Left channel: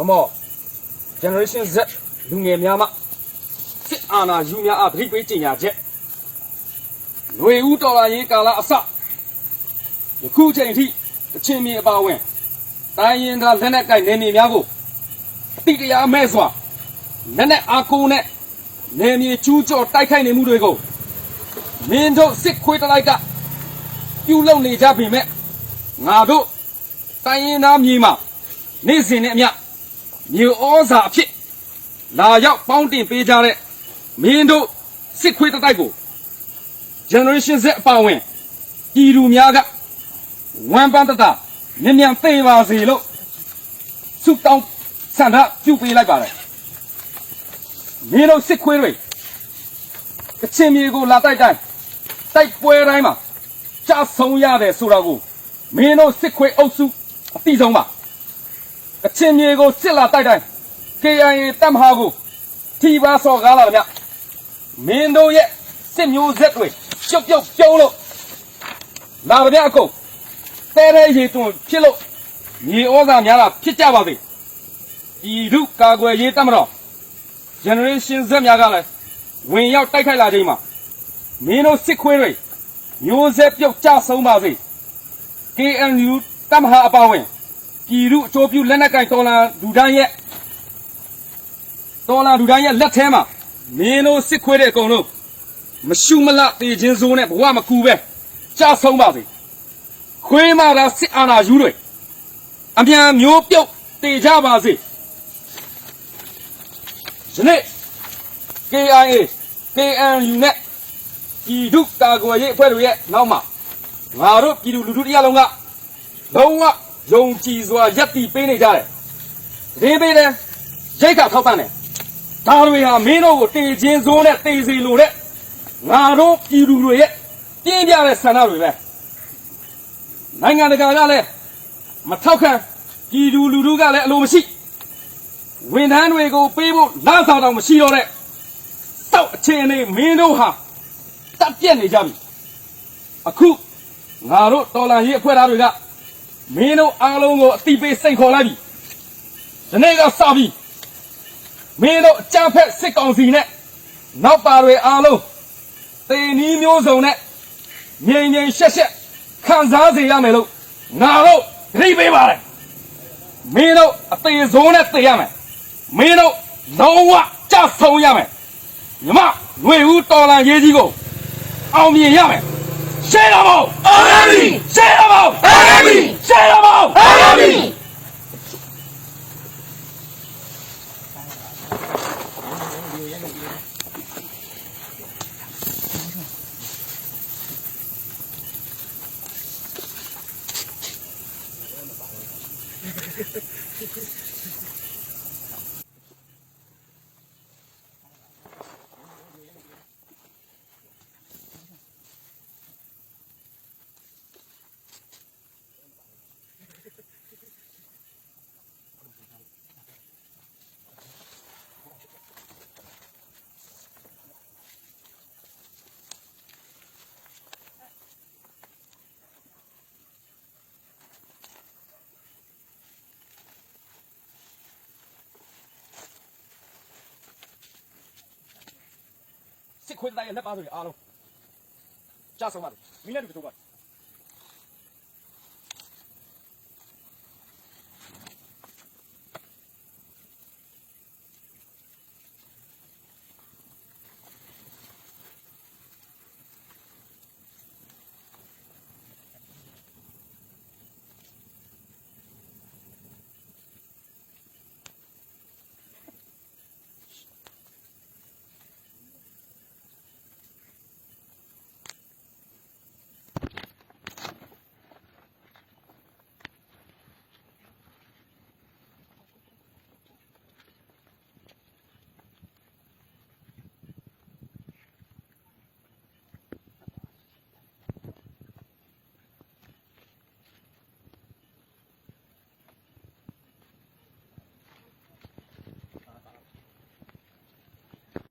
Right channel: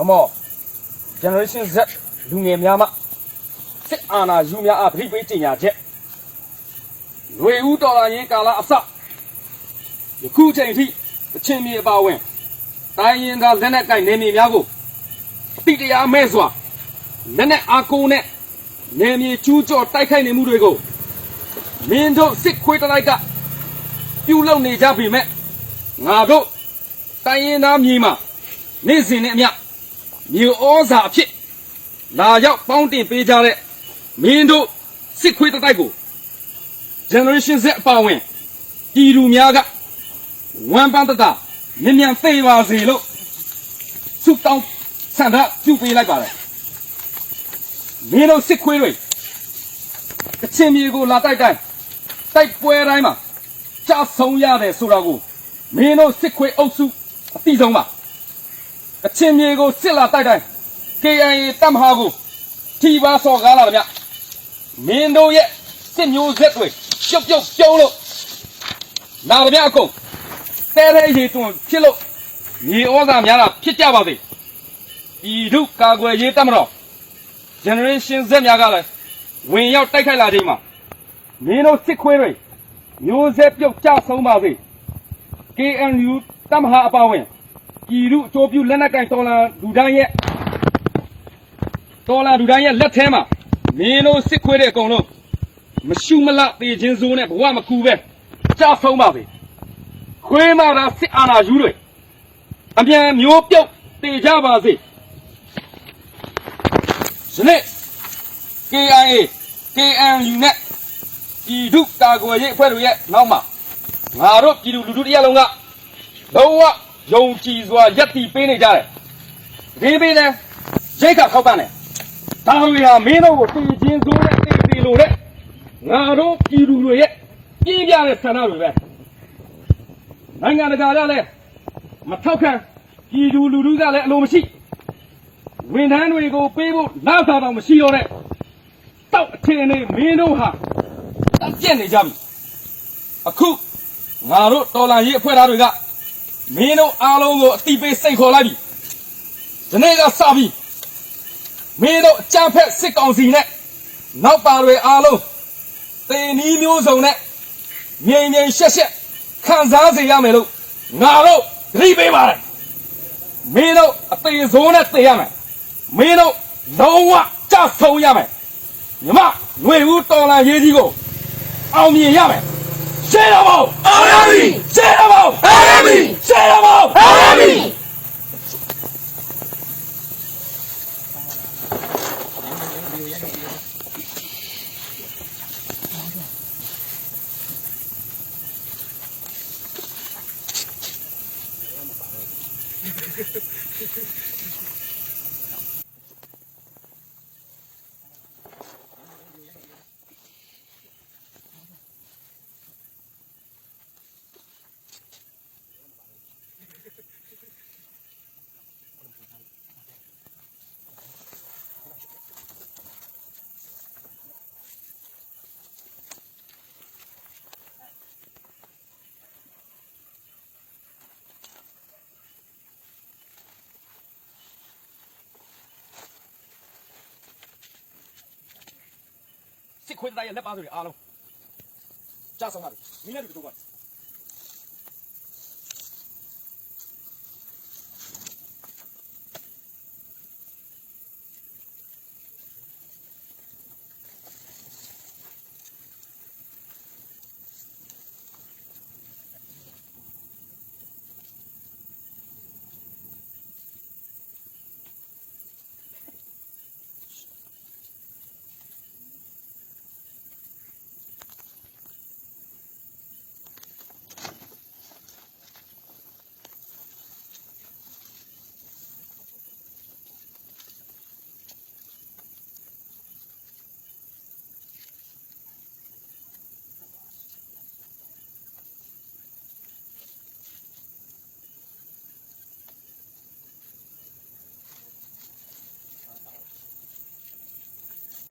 Come Generation Z လူငယ်များမှစစ်အာဏာယူများအားပြိပေးကြေညာချက်ဝေဦးတော်လာရေးကာလအစယခုချိန်ထိအချင်းမြေအပါဝင်တိုင်းရင်းသားလက်နက်ကိုင်နေနေများကိုတိတရားမဲ့စွာလက်နက်အားကိုးနဲ့နေမြေကျူးကျော်တိုက်ခိုက်နေမှုတွေကိုမင်းတို့စစ်ခွေးတလိုက်ကပြုလုပ်နေကြပေမဲ့ငါတို့တိုင်းရင်းသားမြေမှာနေ့စဉ်နဲ့အမျှမြေဩဇာအဖြစ်လာရောက်ပေါင်းတင်ပေးကြတဲ့မင်းတို့စစ်ခွေးတိုက်ကို Generation Z အပါဝင်ပြည်သူများကဝမ်းပန်းတတမြင်မြန်သိပါစေလို့ဆုတောင်းဆန္ဒပြုပေးလိုက်ပါတယ်မင်းတို့စစ်ခွေးတွေအချင်းမြေကိုလာတိုက်တိုင်းတိုက်ပွဲတိုင်းမှာကြဆုံးရတယ်ဆိုတာကိုမင်းတို့စစ်ခွေးအုပ်စုအတိဆုံးပါအချင်းမြေကိုစစ်လာတိုက်တိုင်း KIA တပ်မဟာကိုထိပါဆော်ကားလာတယ်ဗျမင်းတို့ရဲ့စစ်မျိုးဆက်တွေပြုတ်ပြုံးလို့လာတယ်ဗျအကုန်တဲရဲရေတွန်းဖြစ်လို့မြေဩဇာများတာဖြစ်ကြပါစေဤဒုကာကွယ်ရေးတပ်မတော် Generation Z များကလည်းဝင်ရောက်တိုက်ခိုက်လာချိန်မှာမင်းတို့စစ်ခွေးတွေမျိုးဆက်ပြုတ်ကြဆုံးပါစေ KNU တပ်မဟာအပါဝင်ပြည်သူအကျိုးပြုလက်နက်ကင်တော်လာလူတိုင်းရဲ့လက်ထဲမှာမင်းတို့စစ်ခွေးတဲ့အကုန်လုံးမရှုမလတေခြင်းစိုးနဲ့ဘဝမကူပဲကြဆုံးပါစေခွေးမသာစစ်အာဏာယူတွေအမြန်မျိုးပြုတ်တေကြပါစေယနေ့ KIA KNU နဲ့ပြည်သူကာကွယ်ရေးအဖွဲ့တွေရဲ့နောက်မှာငါတို့ပြည်သူလူထုတရားလုံးကလုံးဝယုံကြည်စွာယက်တီပေးနေကြတယ်ဒီပေးတယ်ရိတ်ခါထောက်ပံ့တယ်ဒါတွေဟာမင်းတို့ကိုတေခြင်းစိုးနဲ့တေစီလို့တဲ့ငါတို့ပြည်သူတွေရဲ့ပြင်းပြတဲ့ဆန္ဒတွေပဲနိုင်ငံတကာကလည်းမထောက်ခံပြည်သူလူထုကလည်းအလိုမရှိဝန်ထမ်းတွေကိုပေးဖို့လမ်းဆောင်တော့မရှိတော့တဲ့တောက်အခြေအနေမင်းတို့ဟာတက်ပြက်နေကြပြီအခုငါတို့တော်လှန်ရေးအဖွဲ့သားတွေကမင်းတို့အားလုံးကိုအတိပေးစိန်ခေါ်လိုက်ပြီဒီနေ့ကစပြီးမင်းတို့အကြမ်းဖက်စစ်ကောင်စီနဲ့နောက်ပါတွေအားလုံးတေနီးမျိုးစုံနဲ့ငြိမ်ငြိမ်ရှက်ရှက်ခံစားစေရမယ်လို့ငါတို့သိပေးပါတယ်မင်းတို့အသေးဆုံးနဲ့သိရမယ်မင်းတို့လုံးဝကြဆုံးရမယ်ညီမຫນွေဦးတော်လန်ရေးကြီးကိုအောင်မြင်ရမယ်ရှင်းတော့အောင်ရပြီရှင်းတော့အောင်ရပြီရှင်းတော့အောင်ရပြီစစ်ခွေးတိုင်းရဲ့လက်ပါတွေအားလုံးကြဆုံးပါပြီမိလည်းတူတူပါ